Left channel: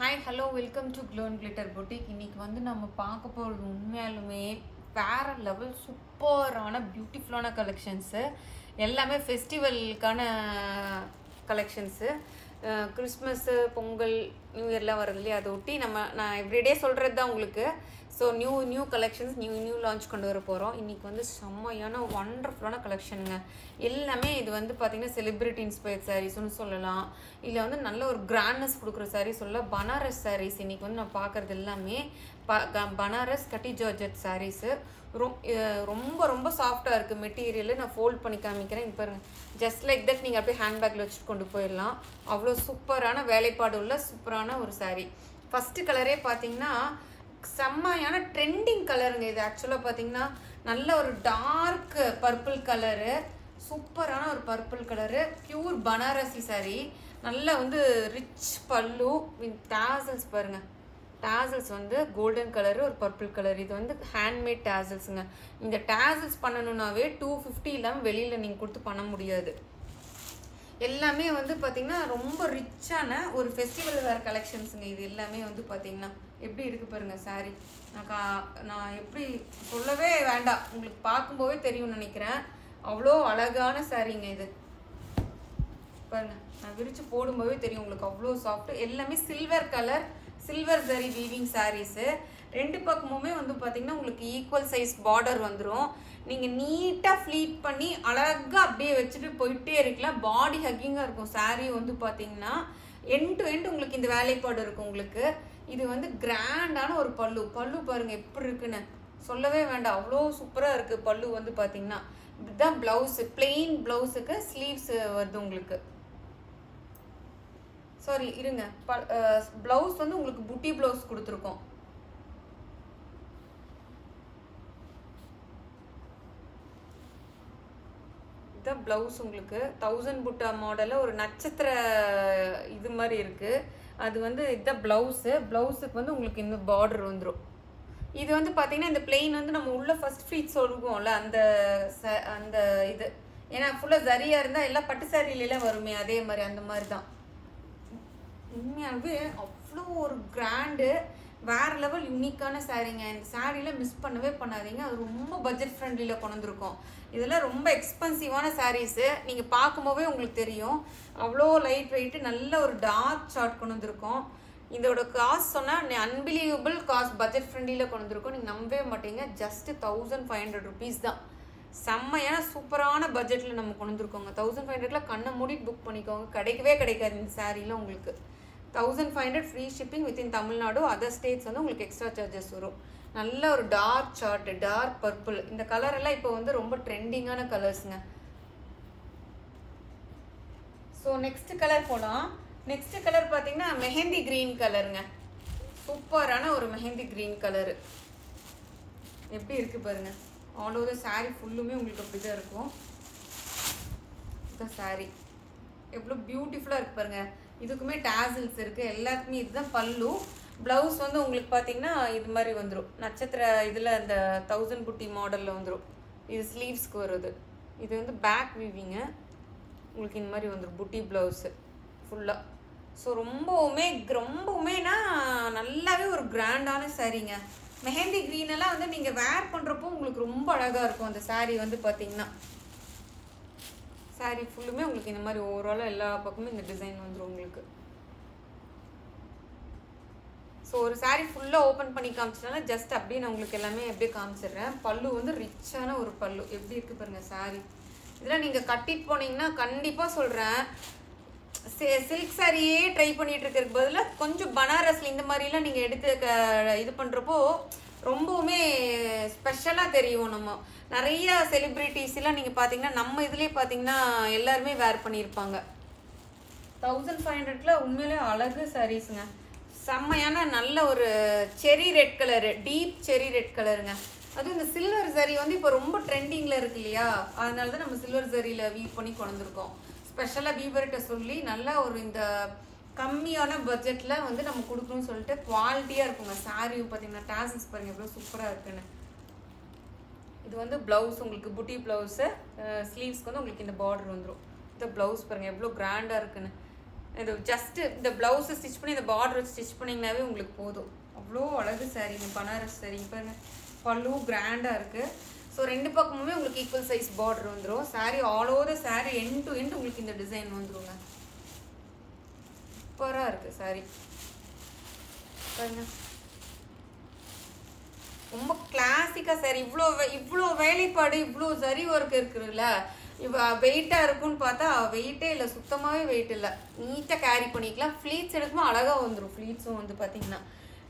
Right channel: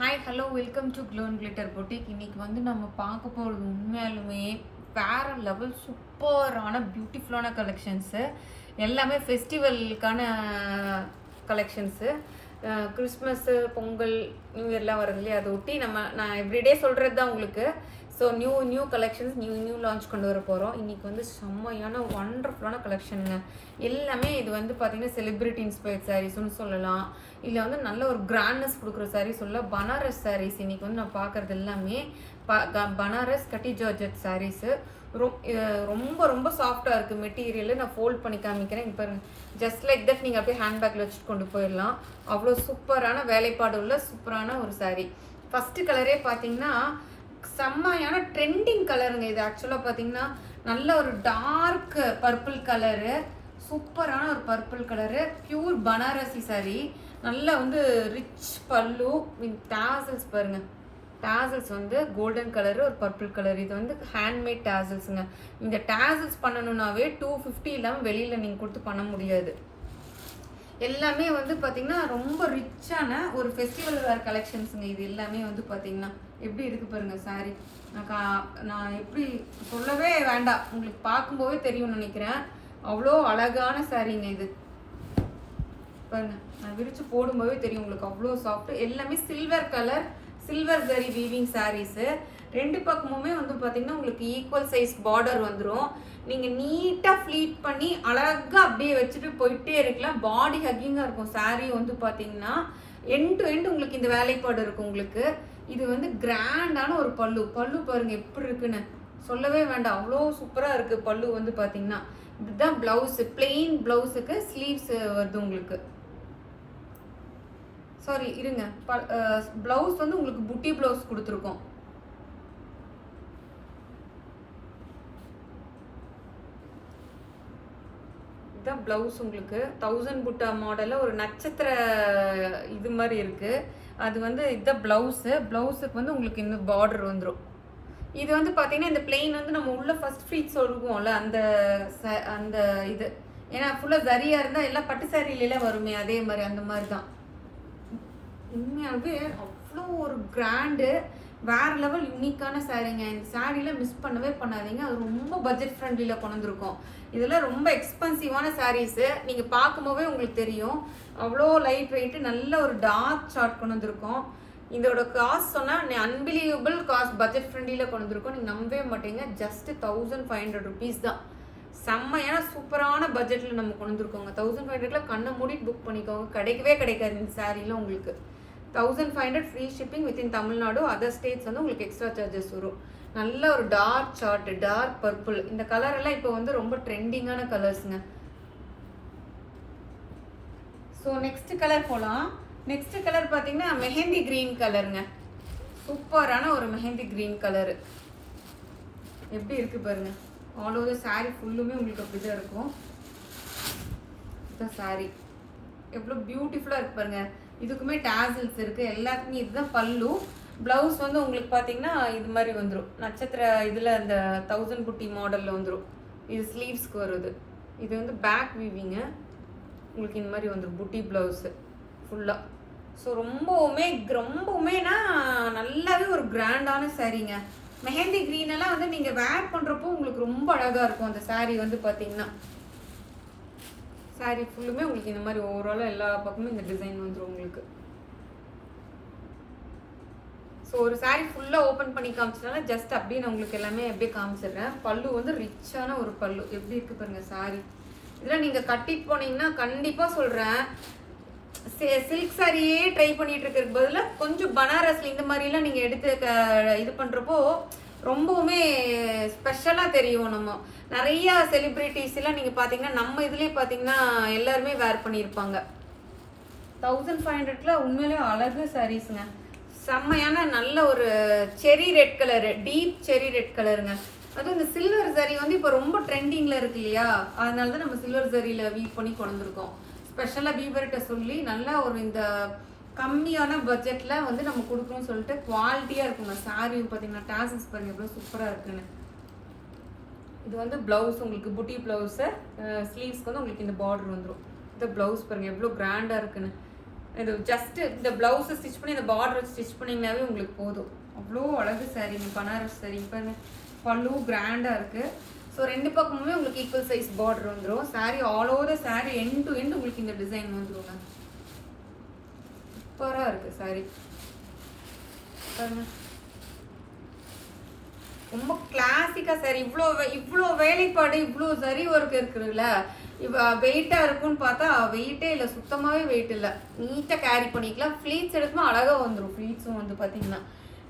Hi hello welcome to Glow and Glitter Boutique. இன்றைக்கி வந்து நம்ம பார்க்க போகிறது உண்மையாலுமே வேறு லெவல் சூப்பரான பியூட்டிஃபுல்லான கலெக்ஷன்ஸு. எல்லாமே ஃபெஸ்டிவலுக்கான கலெக்ஷன்ஸு. கிறிஸ்மஸ்ஸு, பொங்கல், நியூ இயர்லாம் வருது இல்லையா, அதை ஒட்டி நான் எவ்ரிடே சொல்கிறது தான் உங்களுக்கு. So new collections new launch கொண்டு வர போகிறோம். இன்றைக்கி வந்து செம்மையான ஒண்டர்ஃபுல்லான கலெக்ஷனுங்க. எல்லாமே இது வந்து பார்த்திங்கன்னா செலிப்ரிட்டி இன்ஸ்பயர்ட் சாரீஸ்னு சொல்லலாம், இல்லை வந்து நல்ல ஒரு கிராண்ட்னஸ் கொடுக்குற சாரீஸ் சொல்லலாம். பனாரஸ் சாரீஸ் இன்றைக்கி வந்து நான் பார்க்குறது எல்லாமே பனாரஸ் கட்டி ஜார்ஜெட் சாரீஸு. ரொம்ப ரொம்ப சாஃப்டாக இருக்குது மெட்டீரியல். நான் ஃபோல்ட் பண்ணி காமிக்கிறேன். இப்போ ஜஸ்ட் லைக் தட் நீங்கள் அப்படியே ஹேண்ட்பேக்கில் வச்சு கொண்டு போயிடலாம். அவ்வளோ சூப்பரான வேலைப்பாடு உள்ள சூப்பரான ஒரு சாரீ. ஃபஸ்ட்டு கலரே பார்த்தீங்கன்னா செம்மையான ட்ரெண்டிங் கலருங்க. இது ஆக்சுவலாக பார்த்தீங்கன்னா நல்ல ஒரு டார்க் பர்பிள் கலரு, சூப்பரான ஒரு purple colour, pure Banarasi sari. நல்லா வந்து ரிச் பல்லு வித் டாசல்ஸ் பாருங்கள். டாசல்ஸ் வந்து கோல்டன் கலரு, ஒரு பர்பிள் கலர். இது வந்து ஹேண்ட்மேட் டாசல்ஸுங்க. இந்த டாசல்ஸ் பண்ணணுன்னாவே 250 இல்லாமல் வெளியில் நீங்கள் கொடுத்து பண்ண முடியாது. எல்லாமே வந்து பார்த்திங்கன்னா ரொம்ப ரிச்சான ஒரு ஃபெஸ்டிவல் வேர் கலெக்ஷன்ஸுங்க. இது எல்லாமே வந்து பார்த்திங்கன்னா எப்படி இருக்குது பாருங்கள் சாரீ. நான் எப்படி சொல்லவே வேண்டாம், உங்களுக்கு பார்க்கும்போதே தெரியும்னு நினைக்கிறேன். அவ்வளோ அழகான சாரீங்க இது பாருங்க. நான் விரித்து போடும்போதே தெரியும் உங்களுக்கு, அவ்வளோ சாஃப்ட். எல்லாமே silver colour, silver zari weaving sarees. ரெண்டு பக்கமுமே வந்து பார்த்திங்கன்னா உங்களுக்கு ஈக்குவல் சைஸ் பார்டர் வந்துடும். நீங்கள் நீட்டாக ஃப்ளீட் பண்ணி அழகாக அப்படியே வச்சுட்டு போயிட்டே இருக்கலாம். பாடி ஹக்கிங்காக இருக்கும் சாரீ. வந்து பார்த்திங்கன்னா எண்ட் டு எண்ட் உங்களுக்கு இந்த வேலைப்பாடு இருக்கும் உங்களுக்கு. இது வந்து கிராண்டான ஒரு பல்லு பாருங்கள் எப்படி இருக்குன்னு சொல்லவே வேண்டாம். அவ்வளோ சூப்பராக இருக்குது பல்லு. வந்து பார்த்திங்கன்னா இதுதான் ப்ளவுஸு. பிளெயின் ப்ளவுஸுக்கு ஸ்லீவ்ஸ் வருது உங்களுக்கு. சாரி இருங்க, ப்ளவுஸ் வந்து உங்களுக்கு புட்டி ப்ளவுஸ் கொடுத்துருக்கோம். இதுதான் ப்ளவுஸ் உங்களுக்கு. 1000 புட்டா மாடலில் ஒரு நட்சத்திர இது மாதிரி இருக்குது. அது வந்து இதுதான் ப்ளவுஸு. ப்ளவுஸுக்கு வந்து உங்களுக்கு இந்த பார்டர் வந்துடும். இது வந்து பார்த்தீங்கன்னா இந்த பிளெயின் வந்து நம்ம உள்ள ஃபர்ஸ்ட் ஃபீட் சொல்லுவோம்ல, அந்த இது. ஏன்னா ஃபுல்லாக சரியாக இருந்தால் எல்லாம் பட்டு சாரியிலாம் வருமே, அதே மாதிரி அந்த மாதிரி தான். உண்மையாகவே அவ்வளோ ஒரு கிராண்டு வேறு லெவல் யூனிக்கான சாரீங்க. இந்த சாரீலாம் மிஸ் பண்ணவே பண்ணாதீங்க. அது ரொம்ப பட்ஜெட் ஃப்ரெண்ட்லியில் கொண்டு வந்திருக்கோம். இதெல்லாம் ரொம்ப எக்ஸ்பென்சிவான சாரீஸு. நீங்கள் பார்க்கும்போதே உங்களுக்கு தெரியும். அவ்வளோ லைட் வெயிட்டு, நல்ல ஒரு டார்க் சார்ட் கொண்டு வந்திருக்கோம். இதோட காஸ்ட் சொன்னால் அன்பிலீவபிள் காஸ்ட், பட்ஜெட் ஃப்ரெண்ட்லியில் கொண்டு வந்திருக்கோம். நீங்கள் நம்பவே மாட்டீங்க. ஜஸ்ட்டு 1500 ருபீஸ் தான். செம்மையான சூப்பரான பட்ஜெட்டில் நம்ம கொண்டு வந்திருக்கோங்க. 1500 கண்ணை மூடிட்டு புக் பண்ணிக்கோங்க. கிடைக்காது இந்த சாரீலாம் உங்களுக்கு. 1500 free shipping within Tamil Nadu. Other states வந்து உங்களுக்கு எக்ஸ்ட்ரா சார்ஜஸ் வரும். நல்ல ஒரு டார்க் சார்ட், டார்க் பர்பிள். இந்த கலர் எல்லாம் இப்போ வந்து ரொம்ப ட்ரெண்டிங்கான கலர்ஸுங்க. ஸோ நெக்ஸ்ட் கலர் போகலாம். நெக்ஸ்ட் கலர் பார்த்தீங்கன்னா மெஹந்தி க்ரீன் கலருங்க. சூப்பரான ஒரு மெஹந்தி க்ரீன் கலரு. எப்படி இருக்குது பாருங்கள். ஆல் ஓவர் சாரீ ஃபுல்லுமே உங்களுக்கு அப்படி தான் இருக்கும். இதுதான் சாரீ. எவ்வளோ பியூட்டிஃபுல்லாக இருக்கு பாருங்கள். இதுக்குமே டாசல்ஸ் இருக்குது. எல்லாத்துக்குமே இதுதான் பல்லு. ப்ளவுஸ் வந்து உங்களுக்கு பார்த்தீங்கன்னா இது மாதிரி வந்துடும். நட்சத்திர இதில் அந்த 1000 புட்டி மாடலில் வந்துடும். இது ஸ்லீவ்ஸ்க்கு வருது. இது வந்து பேக் வீவிங்கு உங்களுக்கு இந்த மாதிரி வந்துடும். புட்டி ப்ளவுஸு ஃபுல்லாக. ஸோ ரொம்பவுமேனா நல்லாவே ஒரு கிராண்டான சாரீங்க. மெஹந்தி க்ரீனெல்லாம் வந்து நீங்கள் வேர் பண்ணுறப்போ உங்களுக்கு ரொம்ப அழகாக இருக்கும் அந்த சாரீ. வந்து பார்த்தீங்கன்னா சாரீ ஃபுல்லுமே உங்களுக்கு இந்த மாதிரி ஓவராலாக எல்லா பக்கமும் இந்த டிசைன் வந்துடும் உங்களுக்கு. ஸோ ஒரு சாரீ ஃபுல்லாக ஓப்பன் பண்ணி காமிச்சதுனால ஜஸ்ட் அப்படியே நான் உங்களுக்கு எல்லாமே அப்படியே காமிச்சிடுறேன். பல்லு வந்து ரிச்சான ஒரு பல்லு. எப்படி இருக்குது பாருங்கள் சாரீ. இதெல்லாம் நீங்கள் கட்டிட்டு போனீங்கன்னா கண்டிப்பாக சொல்கிறேன், சில்க் சாரியே ட்ரை பண்ணிட்டு இருக்கிறதுக்கு பதிலாக கொஞ்சம் பனாரஸில் இந்த மாதிரிலாம் நீங்கள் எடுத்து இது பண்ணுறப்போ ரொம்பவுமே ஸ்பெஷலாக தெரியும். நம்ம நிறையா செலிப்ரிட்டிஸ்லாம் நீங்கள் பார்த்தீங்கன்னா நம்ம இதுலேயே பார்த்தீங்கன்னா எல்லாருமே வேர் பண்ணியிருப்பாங்க. 1500 உண்மையிலே அழகு சாரீஸுங்க. செம்மையான நல்ல ஒரு செரி ரெட் கலரு, டீப் செரி ரெட் கலருங்க. அதுவும் இந்த சில்வர் ஜரி வந்து இப்போ ரொம்ப ட்ரெண்டிங்கில் இருக்கு இல்லையா, அதனால தான் நம்ம சில்வர் ஜரியில் வீவ் பண்ணி கொண்டு வந்திருக்கோம். ஸ்பெஷலாக வீவர்கிட்ட சொல்லி நல்லா ஒரு இந்த கம்மியான பட்ஜெட்டில் வந்து நம்ம கொடுக்கணும்னு சொல்லிட்டு குவாலிட்டியாக இருக்குங்க. சாரீ பார்த்தீங்கன்னா டாசல்ஸ் பாருங்கள் எவ்வளோ சூப்பராக இருக்குன்னு. இது வந்து ப்ளவுஸ் உங்களுக்கு புட்டி ப்ளவுஸு. ஸ்லீவ்ஸ்க்கு வந்து உங்களுக்கு இந்த பார்டர் வந்துடும். இந்த ப்ளவுஸ் பாருங்கள் எவ்வளோ கிராண்டாக இருக்குன்னு. இது ஜஸ்ட்டு இந்த ப்ளவுஸை ஸ்டிச் பண்ணி இந்த பார்டர் ஸ்டிச் பண்ணிங்கனாவே உங்களுக்கு போதும். அவ்வளோ அழகு சாரீங்க பனாரஸ் சாரீ. இப்போ பல்லு கிராண்டாக இருக்குது. ஸோ 2 பக்கமுமே உங்களுக்கு ஈக்குவல் சைஸ் பார்டர் வந்துடும். Sari all over the sari end to end உங்களுக்கு இந்த டிசைன் வந்துடுங்க. சூப்பராக இருக்குது சாரீ பாருங்க. ரொம்ப கிளாசிக்காக சாரி. இவ்வளோ வேலைப்பாடு இவ்வளோ சரி ஒர்க் இருக்குதுல்ல. இப்போ வெயிட்டாக இருக்குன்னு பார்த்தா வெயிட்டே இல்லை, சுத்தமாகவே வெயிட் இல்லை. நீட்டாக கேரி பண்ணிக்கலாம். ஃப்ளீட்ஸ் எடுக்குமா அழகாக வந்துடும். ஃப்ளீட்ஸும் வந்து பார்த்தீங்கன்னா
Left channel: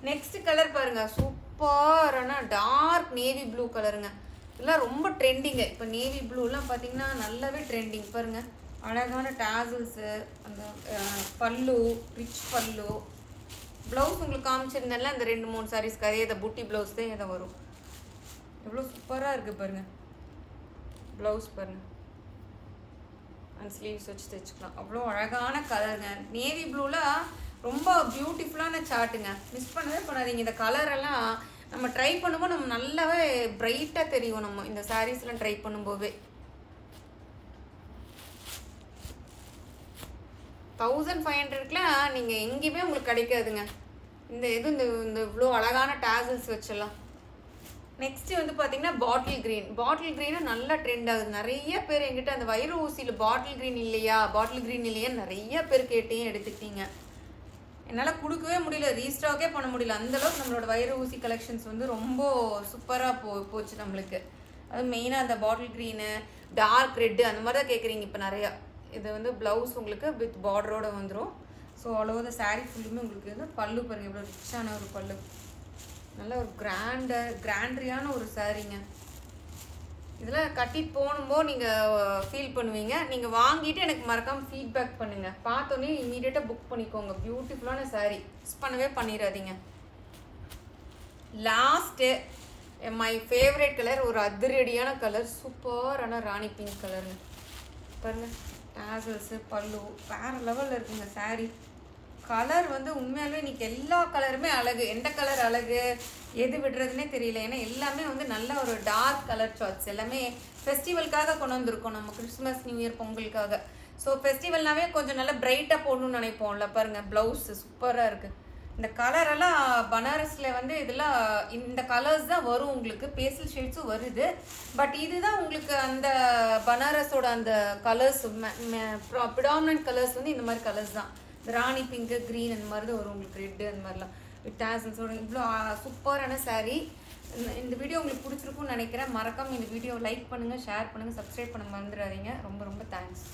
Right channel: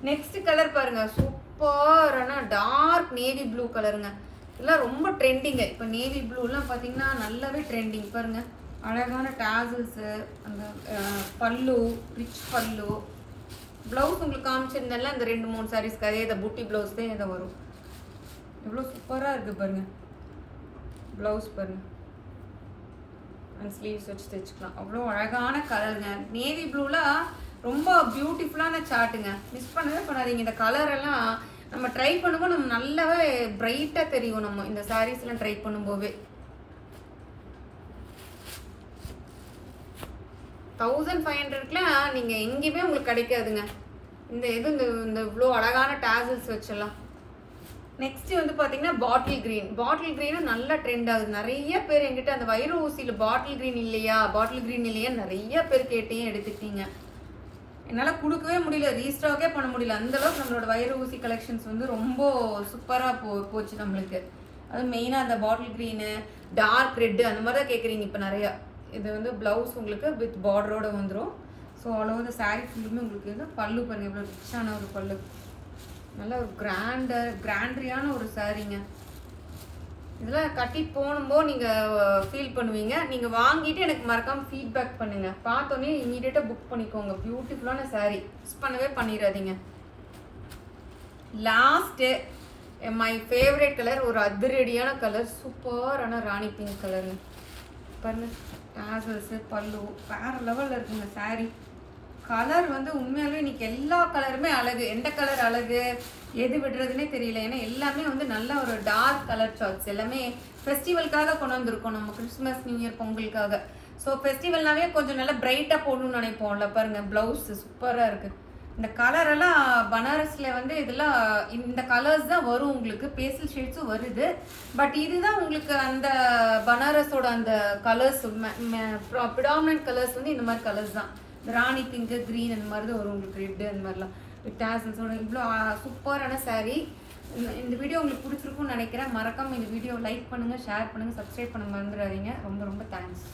நெக்ஸ்ட் கலர் பாருங்கள். சூப்பரான டார்க் நேவி ப்ளூ கலருங்க. இதெல்லாம் ரொம்ப ட்ரெண்டிங்கு. இப்போ நேவி ப்ளூலாம் பார்த்தீங்கன்னா நல்லாவே ட்ரெண்டிங் பாருங்கள். அழகான டேசல்ஸு, அந்த பல்லு, ரிச் பல்லு. ப்ளவுஸ் உங்களுக்கு காமிச்சிருந்தேன்ல இந்த 2-3 சாரீஸ்க்கு அதே இதை புட்டி ப்ளவுஸ் தான் இதை வரும். எவ்வளோ சூப்பராக இருக்குது பாருங்கள். ப்ளவுஸ் பாருங்கள். அந்த ஸ்லீவ்ஸ் வச்சு தைச்சிக்கலாம். அவ்வளோ அழகான கலருங்க. நேவி ப்ளூலாம் ரொம்ப பியூட்டிஃபுல்லான சார்ட்டுங்க. மிஸ் பண்ணவே பண்ணாதீங்க. இந்த கலரெல்லாம் நம்ம ட்ரை பண்ணும்போது நம்ம நல்லாவே பிரைட்டாக தெரியும். நம்ம இந்த சாரீஸ்லாம் ட்ரை பண்ணும்போதே 1500க்குலாம் நீங்கள் எங்கேயுமே உங்களுக்கு கிடைக்காதுங்க. இந்த இந்த இவ்வளோ அழகான டேசல்ஸ் வச்சிடலாம். நெக்ஸ்ட் வந்து பார்த்தீங்கன்னா பாட்டில் க்ரீன். பாட்டில் க்ரீனும் நல்லா ட்ரெண்ட் ஆகுது. நிறைய பேர் எங்கிட்ட அந்த வைர ஊசியில் பாட்டில் க்ரீன் இல்லையா நிறைய பேர் கேட்டையும் எடுத்துக்கிட்டீங்க. என்னால் கொடுக்கவே முடியல, ரீஸ்டாக்கே பண்ண முடியல. அந்தளவுக்கு நம்மளோட வைர ஊசி கலெக்ஷன்ஸ் வந்து ரொம்ப சூப்பராக போச்சு நம்மளுக்கு. அது மெயினாக அந்த பாட்டில் க்ரீனு, டார்க் ரெட்டு அந்த மாதிரி தான் கேட்குறீங்க இப்போ நிறையா. இது வந்து ப்ளவுஸ் உங்களுக்கு வித் பார்டரோட வந்துடும். So all over the sari ஃபுல்லுமே உங்களுக்கு இது பல்லு பாருங்கள். எவ்வளோ ரிச்சான ஒரு பல்லு. நல்ல ஒரு கிராண்டரியான ஒரு சாரீங்க. இதெல்லாம் கட்டி போகும்போது நீங்கள் ஃபீல் பண்ணுவீங்க. நீங்கள் வாங்கிட்டு எனக்கு மறக்காமல் ஃபீட்பேக் பண்ணுங்கள். பார்த்தோன்னே இமீடியட்டாக புக் பண்ணிக்கோங்க. பியூட்டிஃபுல்லான சாரீ. மிஸ் பண்ணவே பண்ணிடாதீங்க. லாஸ்ட்டு மை ஃபேவரட் கலர், ஒரு அதிரடியான கலர், சூப்பரான ராணி பிங்க் கலருங்க பாருங்கள். டேசல்ஸு, பல்லு வேறு லெவலில் இருக்குங்க சாரீ. கலர் வந்து உண்மையாகவே இன்றைக்கி எல்லா கலருமே அழகு. எந்த கலர் அழகு எது விடுறதுனே தெரியல. ஏன்னா எல்லாமே வந்து நல்ல ஒரு டார்க் கலர் சார்ட்ஸ். எல்லாமே ஃபெஸ்டிவலுக்காக கொண்டு வந்திருக்கோம் நம்ம. கிறிஸ்மஸ், நியூ இயர், பொங்கலுக்காக. ஸோ ஃபெஸ்டிவல்னாவே கொஞ்சம் நல்லா பிரைட்டாக போடணும்னு நினைப்போம்ல. பாருங்கள் ப்ளவுஸு சூப்பராக இருக்குது. இந்த கலரெல்லாம் பனாரஸில் வந்து இதெல்லாம் இந்த கலர்ஸ் தான் வரும் உங்களுக்கு. பேஸ்டல் ஷேட்ஸும் வருது. பட் இதுதான் உங்களுக்கு அந்த பனாரஸோட அந்த கலர்ஸ் ப்ரிடாமினன்ட் கலர்ஸ் வந்து இந்த மாதிரி கலர்ஸ் தான். இந்த ராணி பிங்க்கு, க்ரீன் அந்த மாதிரி தான் வரும் உங்களுக்கு. ரெட்டு அந்த மாதிரிலாம் வித் டேசல்ஸோட இவ்வளோ சூப்பரான சாரீ. இந்த வீடியோ உங்களுக்கு பிடிச்சிருக்கும்னு நினைக்கிறேன். மறக்காமல் இந்த வீடியோ லைக் பண்ணுங்கள், ஷேர் பண்ணுங்கள், சப்ஸ்கிரைப் பண்ணுங்கள் மறந்துடாதீங்க. ரொம்ப ரொம்ப தேங்க்ஸ்.